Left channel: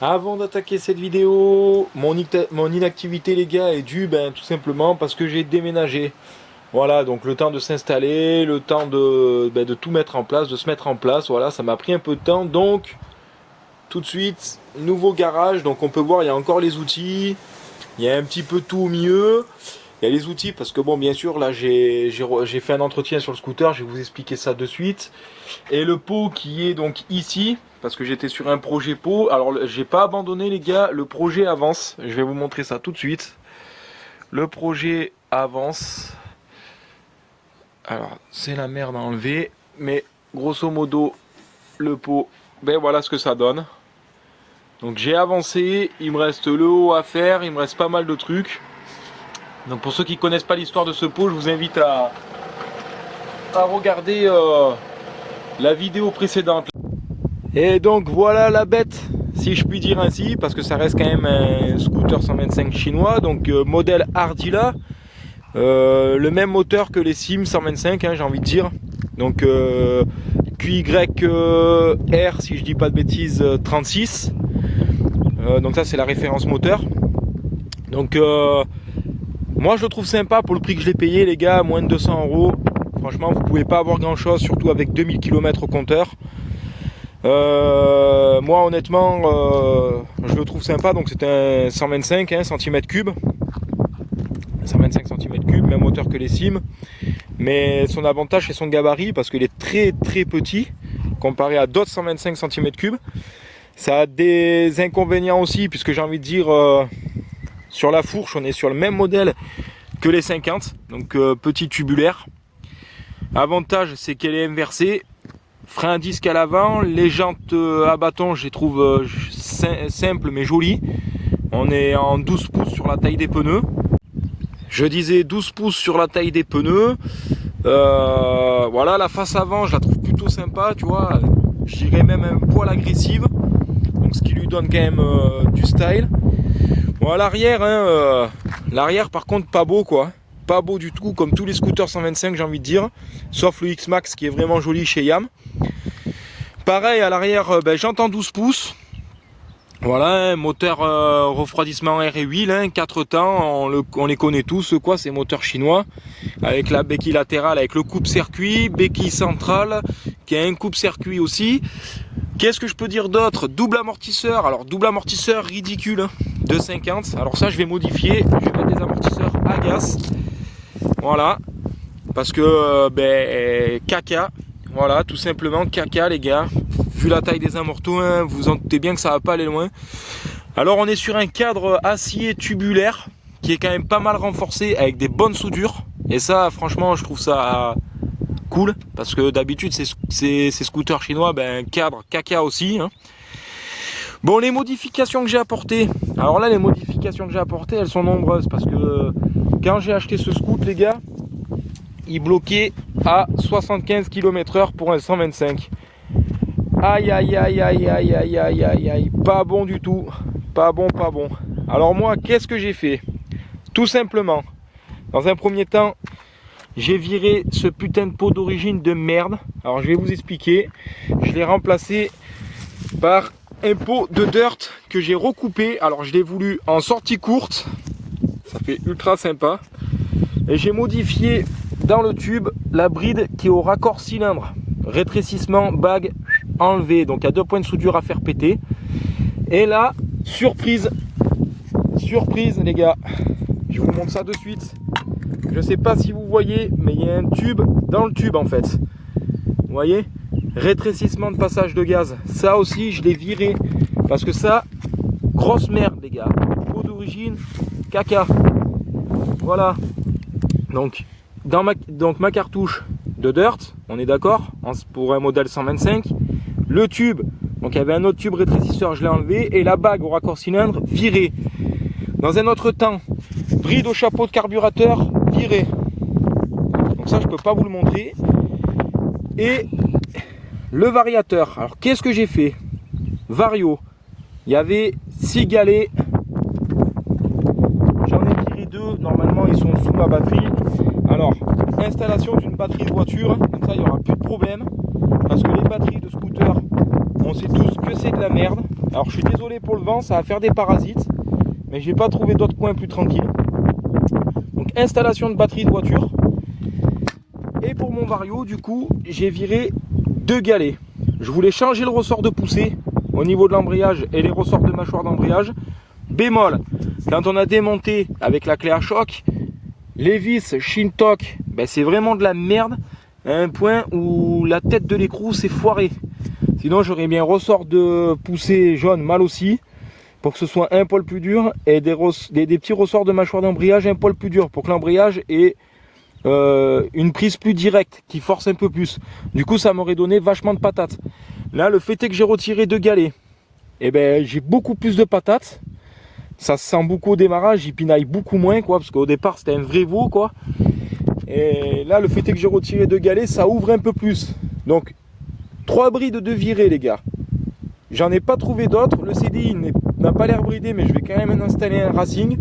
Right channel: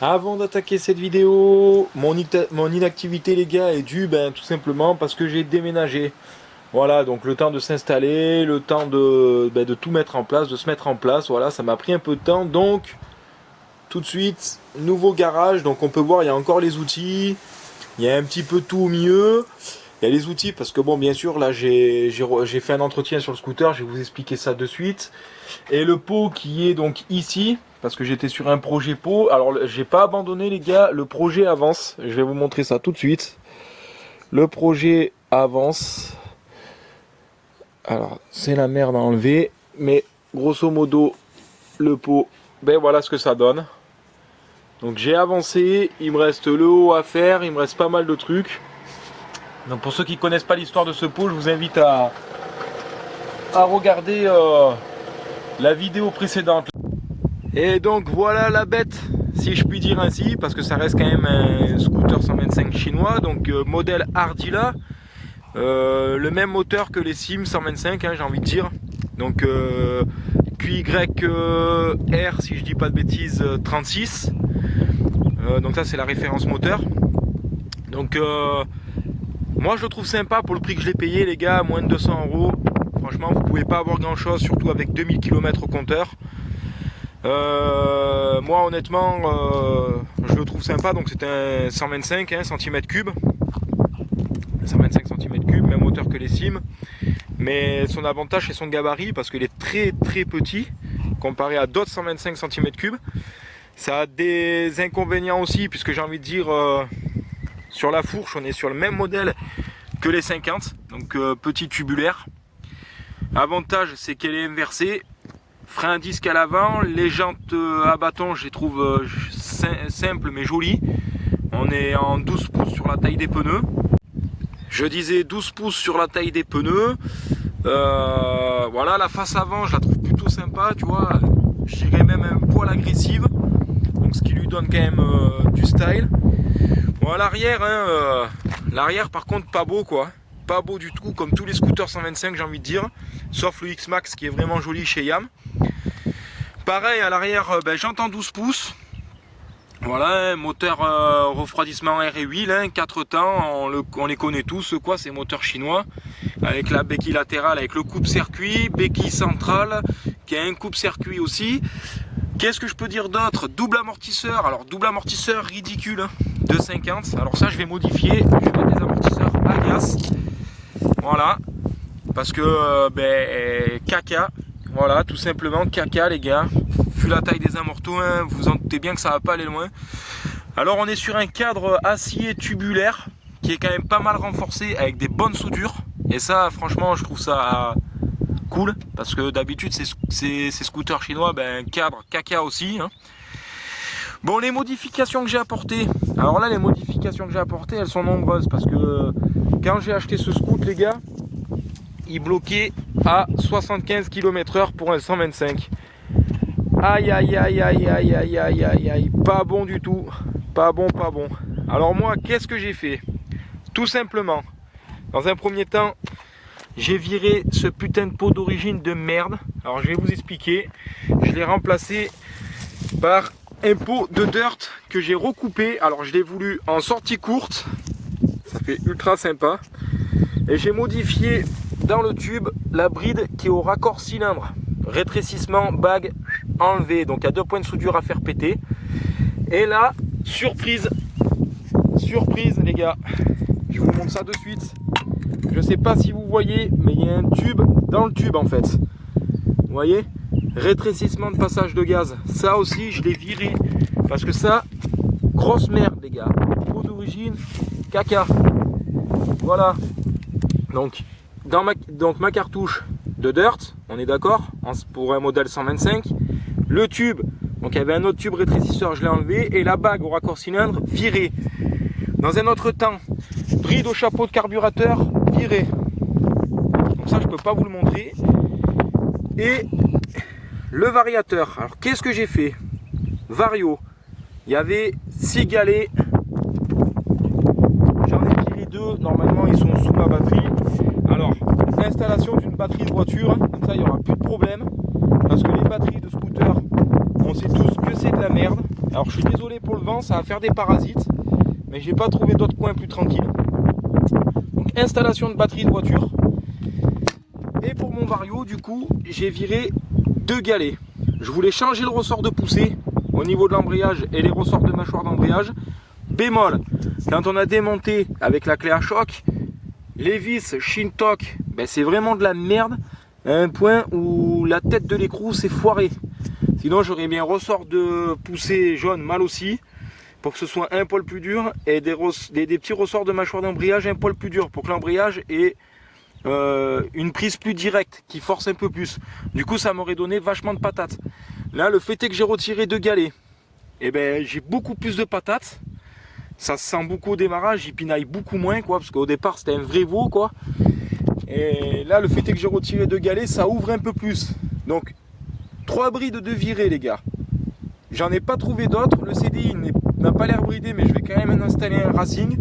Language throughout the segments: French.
Avant d'attaquer cette vidéo, mon inactivité les gars est due tout simplement parce que j'ai déménagé. Voilà, donc le temps de s'installer, le temps de tout mettre en place, de se mettre en place, voilà, ça m'a pris un peu de temps. Donc tout de suite, nouveau garage, donc on peut voir il y a encore les outils, il y a un petit peu tout au milieu. Il y a les outils parce que bon bien sûr là j'ai fait un entretien sur le scooter, je vais vous expliquer ça de suite. Et le pot qui est donc ici, parce que j'étais sur un projet pot. Alors j'ai pas abandonné les gars, le projet avance. Je vais vous montrer ça tout de suite. Le projet avance. Alors c'est la merde à enlever, mais grosso modo le pot, voilà ce que ça donne. Donc j'ai avancé, il me reste le haut à faire, il me reste pas mal de trucs. Donc pour ceux qui connaissent pas l'histoire de ce pot, je vous invite à regarder la vidéo précédente. Et donc voilà la bête, si je puis dire ainsi, parce que ça reste quand même un scooter 125 chinois, donc modèle Ardila, le même moteur que les Sim 125, j'ai envie de dire. Donc QYR, si je dis pas de bêtises, 36. Donc ça c'est la référence moteur. Donc moi je le trouve sympa pour le prix que je l'ai payé les gars, moins de 200 €. Franchement vous pouvez pas avoir grand chose, surtout avec 2000 km au compteur. Moi honnêtement je le trouve sympa, donc c'est un 125 cm3, 125 cm3, même hauteur que les Sim, mais son avantage c'est son gabarit parce qu'il est très très petit comparé à d'autres 125 cm3. Ça a des inconvénients aussi puisque j'ai envie de dire sur la fourche on est sur le même modèle que les 50, donc petit tubulaire. Avantage c'est qu'elle est inversée. Frein à disque à l'avant, les jantes à bâton je les trouve simples mais jolies. On est en 12 pouces sur la taille des pneus. Je disais 12 pouces sur la taille des pneus. Voilà, la face avant je la trouve plutôt sympa, tu vois. Je dirais même un poil agressive. Donc ce qui lui donne quand même du style. Bon à l'arrière, l'arrière par contre pas beau quoi. Pas beau du tout, comme tous les scooters 125 j'ai envie de dire. Sauf le X-Max qui est vraiment joli chez Yam. Pareil à l'arrière, j'entends 12 pouces. Voilà, un moteur refroidissement air et huile, 4 temps, on les connaît tous, quoi, ces moteurs chinois. Avec la béquille latérale, avec le coupe-circuit, béquille centrale, qui a un coupe-circuit aussi. Qu'est-ce que je peux dire d'autre? Double amortisseur, alors double amortisseur ridicule, de 50. Alors ça je vais modifier, je vais mettre des amortisseurs à gaz. Voilà, parce que caca. Voilà, tout simplement caca les gars. Vu la taille des amortos, vous en doutez bien que ça va pas aller loin. Alors on est sur un cadre acier tubulaire qui est quand même pas mal renforcé avec des bonnes soudures. Et ça franchement je trouve ça cool. Parce que d'habitude ces scooters chinois, cadre caca aussi. Bon, les modifications que j'ai apportées. Alors là les modifications que j'ai apportées elles sont nombreuses. Parce que quand j'ai acheté ce scoot les gars, il bloquait à 75 km/h pour un 125. Aïe aïe aïe aïe aïe aïe aïe aïe aïe, pas bon du tout, pas bon, pas bon. Alors moi, qu'est-ce que j'ai fait? Tout simplement, dans un premier temps, j'ai viré ce putain de pot d'origine de merde. Alors je vais vous expliquer. Je l'ai remplacé par un pot de dirt que j'ai recoupé. Alors je l'ai voulu en sortie courte, ça fait ultra sympa. Et j'ai modifié dans le tube la bride qui est au raccord cylindre. Rétrécissement, bague enlevé. Donc il y a 2 points de soudure à faire péter. Et là, surprise les gars. Je vous montre ça de suite. Je sais pas si vous voyez, mais il y a un tube dans le tube en fait. Vous voyez? Rétrécissement de passage de gaz. Ça aussi, je l'ai viré. Parce que ça, grosse merde les gars. Pot d'origine, caca. Voilà. Donc ma cartouche de dirt, on est d'accord, pour un modèle 125. Le tube, donc il y avait un autre tube rétrécisseur, je l'ai enlevé. Et la bague au raccord cylindre, virée. Dans un autre temps, bride au chapeau de carburateur, virée. Donc ça, je peux pas vous le montrer. Et le variateur. Alors qu'est-ce que j'ai fait? Vario. Il y avait 6 galets. J'en ai viré 2. Normalement, ils sont sous ma batterie. Alors, installation d'une batterie de voiture, comme ça il n'y aura plus de problème, parce que les batteries de scooter, on sait tous que c'est de la merde. Alors je suis désolé pour le vent, ça va faire des parasites, mais j'ai pas trouvé d'autres coins plus tranquilles. Donc installation de batterie de voiture. Et pour mon Vario, du coup, j'ai viré 2 galets. Je voulais changer le ressort de poussée au niveau de l'embrayage et les ressorts de mâchoire d'embrayage. Bémol, quand on a démonté avec la clé à choc, les vis Shintok, ben c'est vraiment de la merde, à un point où la tête de l'écrou s'est foirée. Sinon j'aurais mis un ressort de poussée jaune mal aussi, pour que ce soit un poil plus dur, et des petits ressorts de mâchoire d'embrayage un poil plus dur, pour que l'embrayage ait une prise plus directe, qui force un peu plus. Du coup ça m'aurait donné vachement de patates. Là le fait est que j'ai retiré 2 galets, et ben j'ai beaucoup plus de patates. Ça se sent beaucoup au démarrage, il pinaille beaucoup moins, quoi, parce qu'au départ c'était un vrai veau, quoi. Et là, le fait est que j'ai retiré 2 galets, ça ouvre un peu plus. Donc, 3 brides de virée, les gars. J'en ai pas trouvé d'autres. Le CDI n'a pas l'air bridé, mais je vais quand même installer un Racing.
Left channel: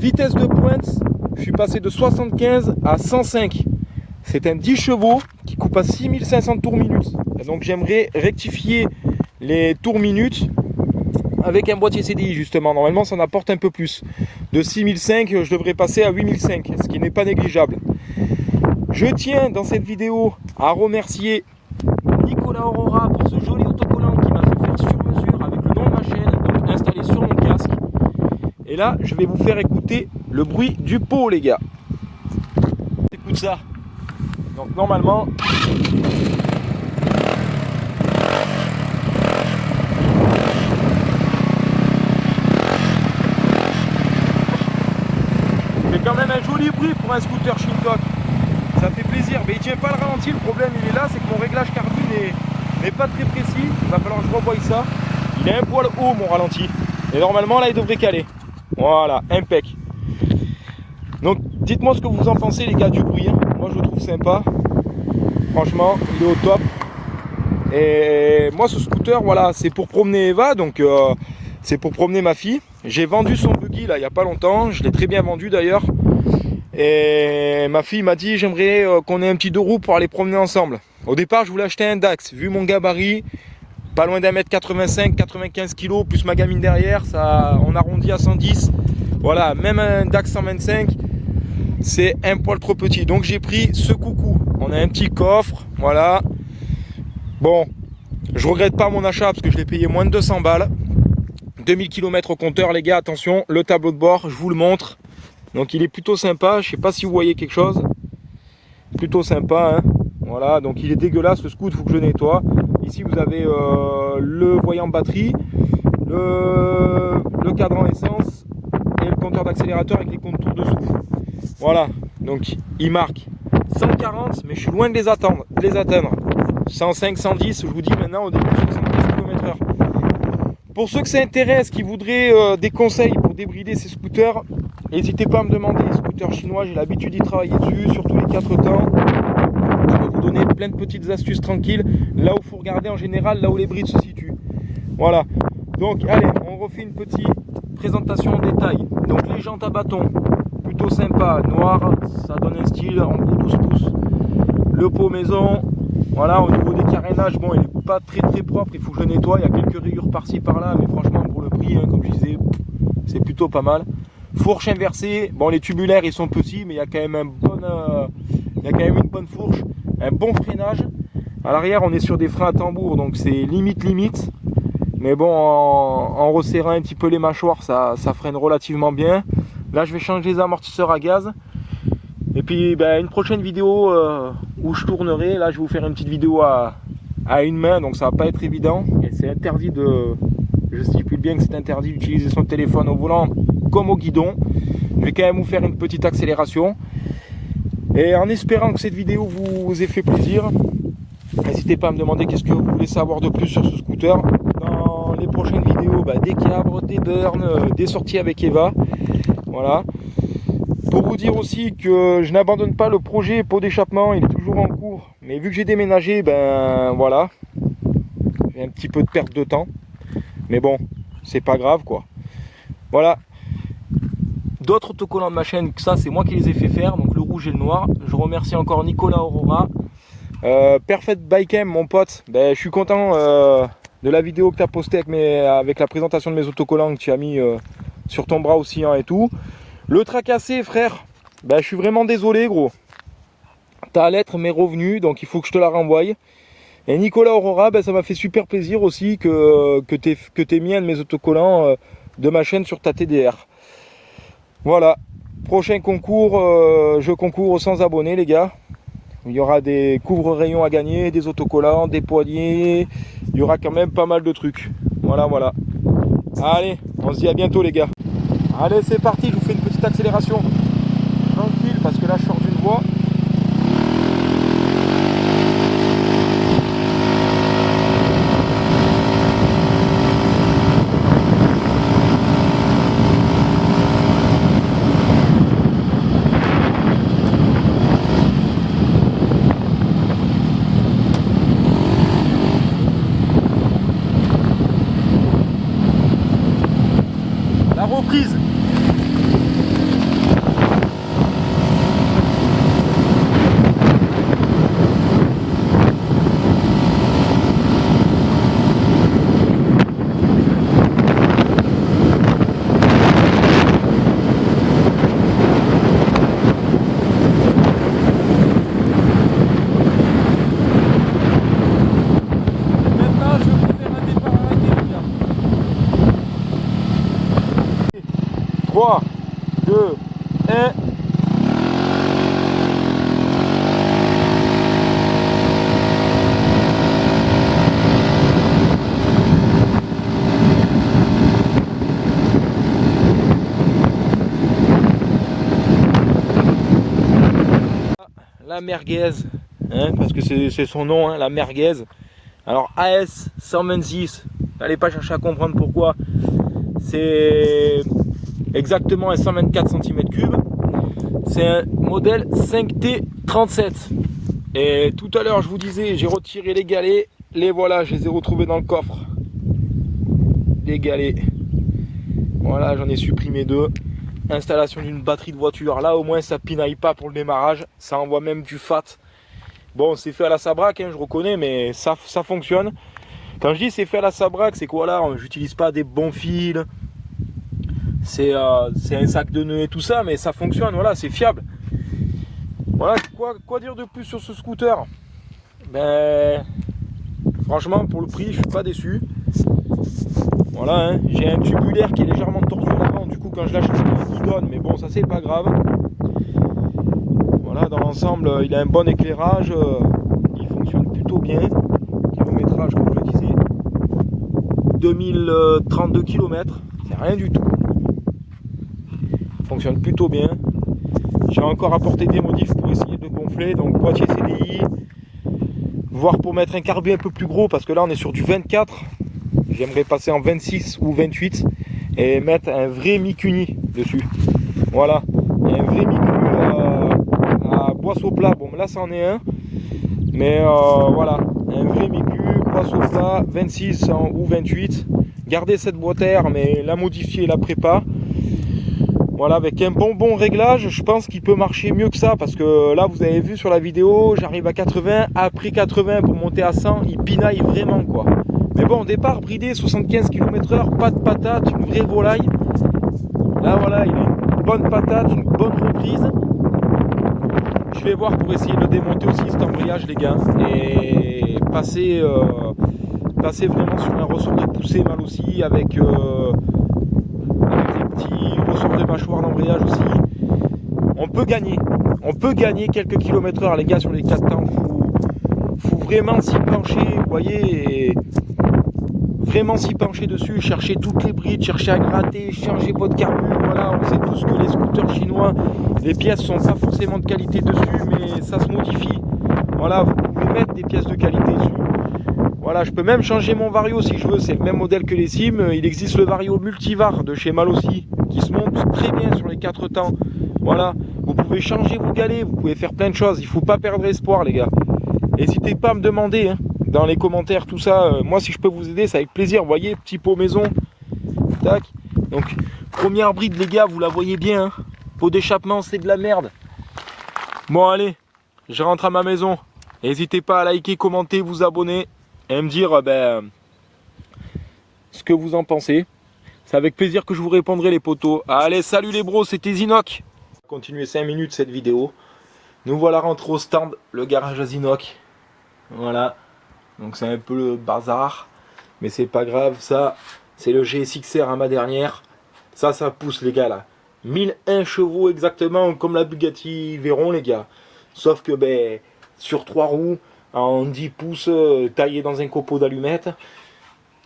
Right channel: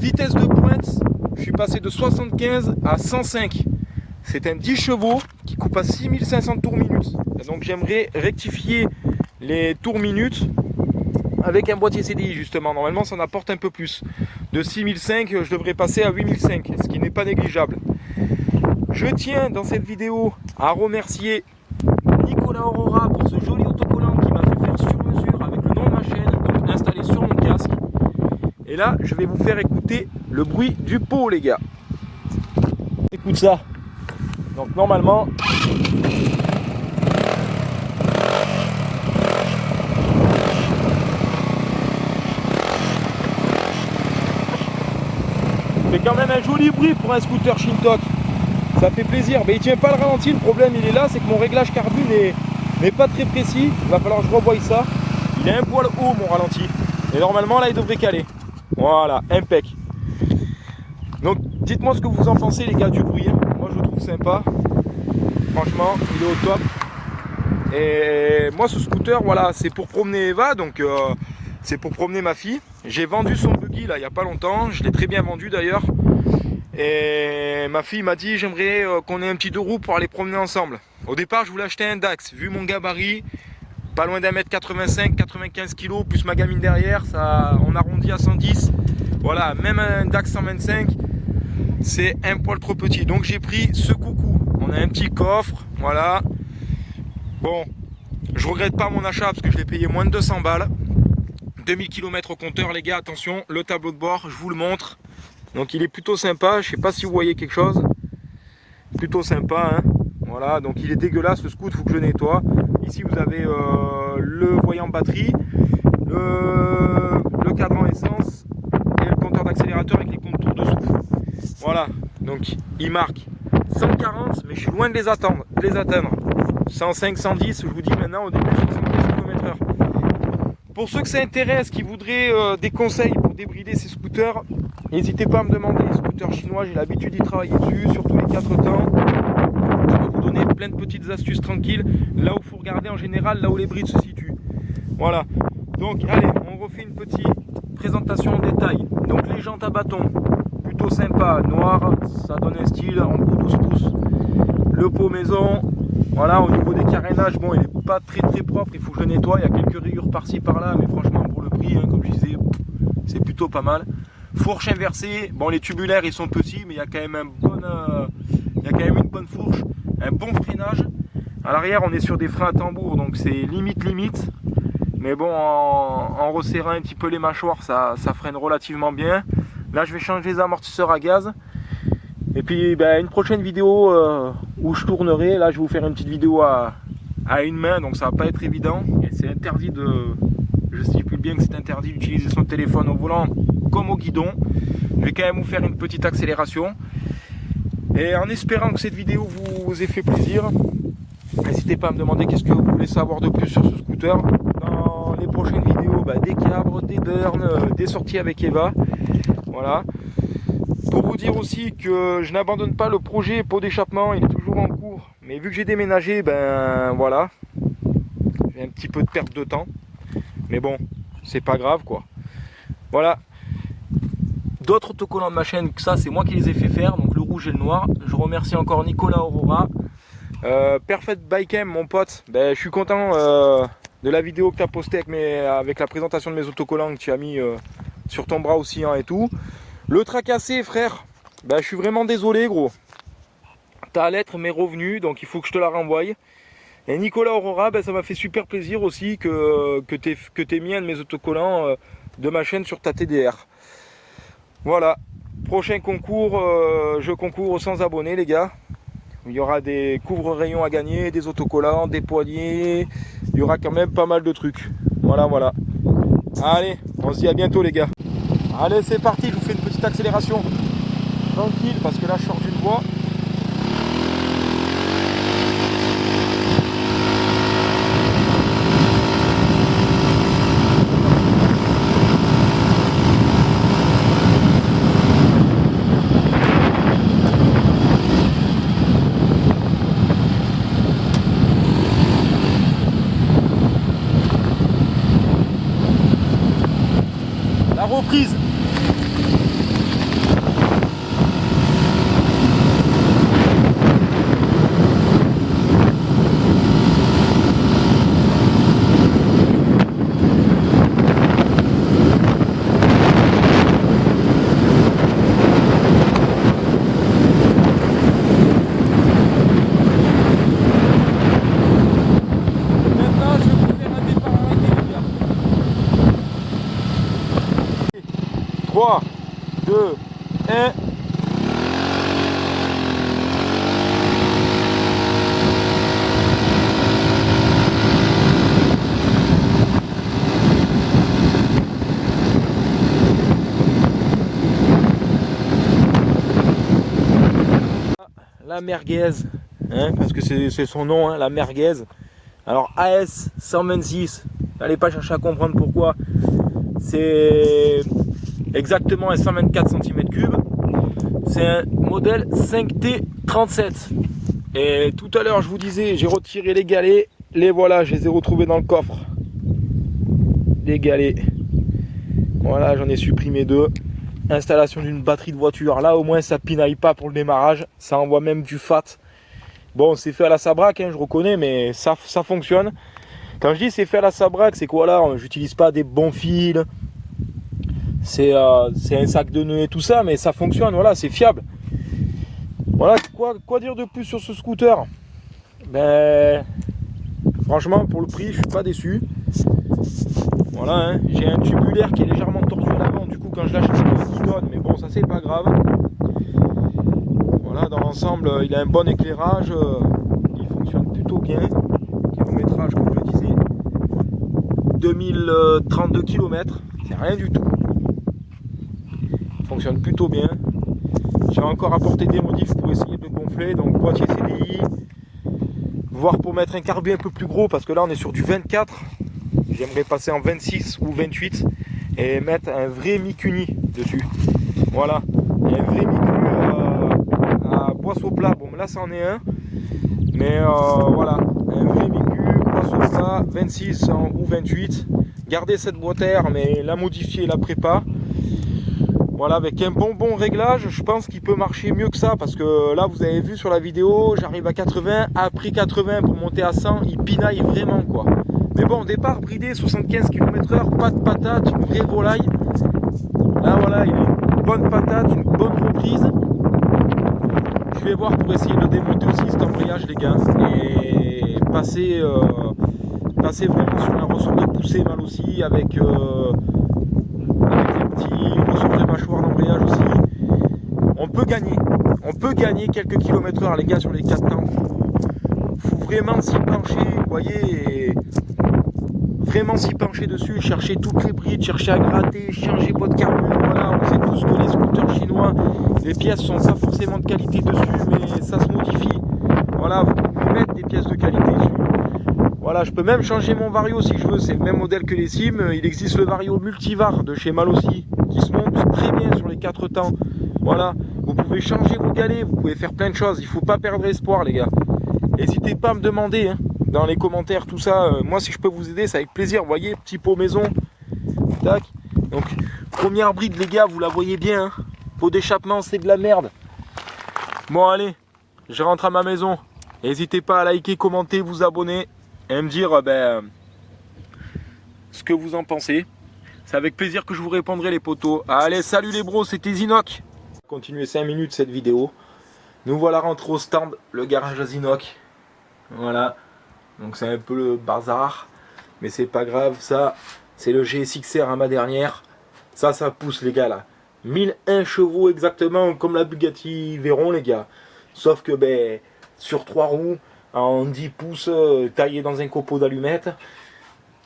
Vitesse de pointe, je suis passé de 75 à 105. C'est un 10 chevaux qui coupe à 6500 tours minute. Et donc, j'aimerais rectifier les tours minutes avec un boîtier CDI justement. Normalement ça en apporte un peu plus. De 6005 je devrais passer à 8005, ce qui n'est pas négligeable. Je tiens dans cette vidéo à remercier Nicolas Aurora pour ce joli autocollant qui m'a fait faire sur mesure avec le nom de ma chaîne, donc installé sur mon casque. Et là je vais vous faire écouter le bruit du pot, les gars. Écoute ça. Donc normalement c'est quand même un joli bruit pour un scooter Shintok. Ça fait plaisir, mais il tient pas le ralenti. Le problème il est là, c'est que mon réglage carbu n'est pas très précis. Il va falloir que je revoie ça. Il est un poil haut mon ralenti. Et normalement là il devrait caler. Voilà, impec. Donc dites-moi ce que vous en pensez, les gars, du bruit. Moi je le trouve sympa. Franchement, il est au top. Et moi ce scooter, voilà, c'est pour promener Eva, donc c'est pour promener ma fille. J'ai vendu son buggy là il n'y a pas longtemps, je l'ai très bien vendu d'ailleurs. Et ma fille m'a dit j'aimerais qu'on ait un petit 2 roues pour aller promener ensemble. Au départ je voulais acheter un Dax, vu mon gabarit, pas loin d'1m85, 95 kg, plus ma gamine derrière, ça, on arrondit à 110. Voilà, même un Dax 125, c'est un poil trop petit. Donc j'ai pris ce coucou. On a un petit coffre, voilà. Bon, je regrette pas mon achat parce que je l'ai payé moins de 200 balles. 2000 km au compteur, les gars, attention, le tableau de bord, je vous le montre. Donc il est plutôt sympa, je sais pas si vous voyez quelque chose. Plutôt sympa, hein. Voilà, donc il est dégueulasse ce scoot, il faut que je nettoie. Ici vous avez le voyant batterie, le cadran essence et le compteur d'accélérateur avec les contours dessous. Voilà, donc il marque 140, mais je suis loin de les atteindre. 105, 110, je vous dis maintenant au début 75 km/h. Pour ceux que ça intéresse, qui voudraient des conseils pour débrider ces scooters, n'hésitez pas à me demander. Les scooters chinois, j'ai l'habitude d'y travailler dessus, surtout les 4 temps. Je vais vous donner plein de petites astuces tranquilles, là où il faut regarder en général, là où les brides se situent. Voilà. Donc allez, on refait une petite présentation en détail. Donc les jantes à bâton, plutôt sympa, noir, ça donne un style en bout 12 pouces. Le pot maison. Voilà, au niveau des carénages, bon, il n'est pas très propre, il faut que je le nettoie, il y a quelques rayures par-ci par-là, mais franchement pour le prix, hein, comme je disais, c'est plutôt pas mal. Fourche inversée, bon les tubulaires ils sont petits, mais il y a quand même une bonne fourche, un bon freinage. À l'arrière on est sur des freins à tambour, donc c'est limite, mais bon en resserrant un petit peu les mâchoires, ça freine relativement bien. Là je vais changer les amortisseurs à gaz. Et puis ben, une prochaine vidéo où je tournerai, là je vais vous faire une petite vidéo à une main, donc ça va pas être évident. Et c'est interdit je stipule bien que c'est interdit d'utiliser son téléphone au volant comme au guidon. Je vais quand même vous faire une petite accélération. Et en espérant que cette vidéo vous ait fait plaisir, n'hésitez pas à me demander qu'est-ce que vous voulez savoir de plus sur ce scooter. Dans les prochaines vidéos, ben, des cabres, des burns, des sorties avec Eva. Voilà. Pour vous dire aussi que je n'abandonne pas le projet pot d'échappement, il est toujours en cours. Mais vu que j'ai déménagé, ben voilà, j'ai un petit peu de perte de temps. Mais bon, c'est pas grave quoi. Voilà. D'autres autocollants de ma chaîne, ça c'est moi qui les ai fait faire, donc le rouge et le noir. Je remercie encore Nicolas Aurora. Perfect Bike M, mon pote, ben, je suis content de la vidéo que tu as postée avec la présentation de mes autocollants que tu as mis sur ton bras oscillant et tout. Le tracassé, frère, ben, je suis vraiment désolé, gros. Ta lettre m'est revenue, donc il faut que je te la renvoie. Et Nicolas Aurora, ben, ça m'a fait super plaisir aussi que tu aies mis un de mes autocollants de ma chaîne sur ta TDR. Voilà. Prochain concours, je concours aux 100 abonnés, les gars. Il y aura des couvre-rayons à gagner, des autocollants, des poignées. Il y aura quand même pas mal de trucs. Voilà, voilà. Allez, on se dit à bientôt, les gars. Allez, c'est parti, je vous fais une petite accélération. Tranquille, parce que là, je sors d'une voie. La reprise. Maintenant, je vais vous faire un départ arrêté, les gars. 3, 2, 1. La merguez, hein, parce que c'est son nom, hein, la merguez. Alors AS 126, n'allez pas chercher à comprendre pourquoi. C'est exactement un 124 cm3. C'est un modèle 5T37. Et tout à l'heure, je vous disais, j'ai retiré les galets. Les voilà, je les ai retrouvés dans le coffre. Les galets. Voilà, j'en ai supprimé 2. Installation d'une batterie de voiture. Là, au moins, ça pinaille pas pour le démarrage. Ça envoie même du fat. Bon, c'est fait à la sabraque, hein, je reconnais, mais ça fonctionne. Quand je dis c'est fait à la sabraque, c'est quoi là? J'utilise pas des bons fils. C'est un sac de nœuds et tout ça, mais ça fonctionne, voilà, c'est fiable. Voilà, quoi dire de plus sur ce scooter? Ben, franchement, pour le prix, je suis pas déçu. Voilà, hein, j'ai un tubulaire qui est légèrement tordu à l'avant, du coup, quand je lâche il donne, mais bon, ça c'est pas grave. Voilà, dans l'ensemble, il a un bon éclairage, il fonctionne plutôt bien. Kilométrage, comme je le disais, 2032 km, c'est rien du tout. Il fonctionne plutôt bien. J'ai encore apporté des modifs pour essayer de le gonfler, donc boîtier CDI, voire pour mettre un carbu un peu plus gros, parce que là on est sur du 24. J'aimerais passer en 26 ou 28 et mettre un vrai Mikuni dessus. Voilà, un vrai Miku à boisseau plat. Bon, là, c'en est un. Mais voilà, un vrai Miku, boisseau plat, 26 ou 28. Garder cette boîte air, mais la modifier, la prépa. Voilà, avec un bon réglage, je pense qu'il peut marcher mieux que ça. Parce que là, vous avez vu sur la vidéo, j'arrive à 80. Après 80, pour monter à 100, il pinaille vraiment, quoi. Mais bon, au départ, bridé, 75 km/h, pas de patate, une vraie volaille. Là, voilà, il a une bonne patate, une bonne reprise. Je vais voir pour essayer de démonter aussi cet embrayage, les gars. Et passer vraiment sur un ressort de poussée mal aussi, avec des petits ressorts de mâchoire d'embrayage aussi. On peut gagner quelques km/h, les gars, sur les 4 temps. Faut vraiment s'y pencher, vous voyez, et vraiment s'y pencher dessus, chercher toutes les brides, chercher à gratter, changer votre carbu. Voilà, on sait tous que les scooters chinois, les pièces sont pas forcément de qualité dessus, mais ça se modifie. Voilà, vous pouvez mettre des pièces de qualité dessus. Voilà, je peux même changer mon Vario si je veux, c'est le même modèle que les Sim. Il existe le Vario Multivar de chez Malossi, qui se monte très bien sur les 4 temps. Voilà, vous pouvez changer vos galets, vous pouvez faire plein de choses, il faut pas perdre espoir, les gars. N'hésitez pas à me demander, hein, dans les commentaires, tout ça. Moi, si je peux vous aider, c'est avec plaisir. Vous voyez, petit pot maison. Tac. Donc, première bride, les gars, vous la voyez bien. Hein. Pot d'échappement, c'est de la merde. Bon, allez, je rentre à ma maison. N'hésitez pas à liker, commenter, vous abonner et me dire ce que vous en pensez. C'est avec plaisir que je vous répondrai les potos. Allez, salut les bros, c'était Zinoc. Continuez 5 minutes cette vidéo. Nous voilà rentrés au stand, le garage à Zinoc. Voilà. Donc c'est un peu le bazar. Mais c'est pas grave, ça. C'est le GSX-R à ma dernière. Ça pousse les gars là. 1001 chevaux exactement comme la Bugatti Veyron les gars. Sauf que ben sur 3 roues, en 10 pouces, taillé dans un copeau d'allumettes.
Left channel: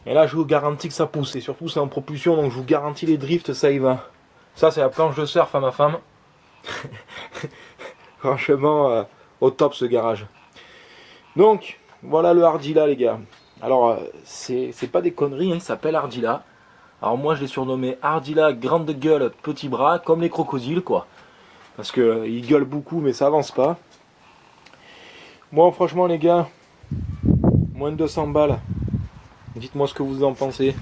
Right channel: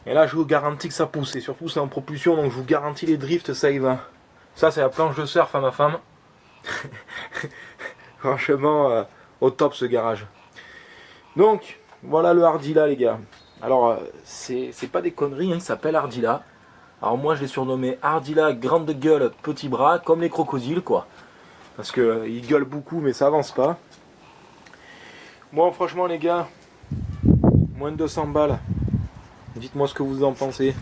Et là je vous garantis que ça pousse. Et surtout c'est en propulsion, donc je vous garantis les drifts, ça y va. Ça c'est la planche de surf à ma femme. Franchement, au top ce garage. Donc, voilà le Hardila les gars. Alors, c'est pas des conneries, hein, il s'appelle Hardila. Alors moi je l'ai surnommé Hardila grande gueule, petit bras, comme les crocodiles quoi. Parce que il gueule beaucoup mais ça avance pas. Bon franchement les gars, moins de 200 balles. Dites-moi ce que vous en pensez.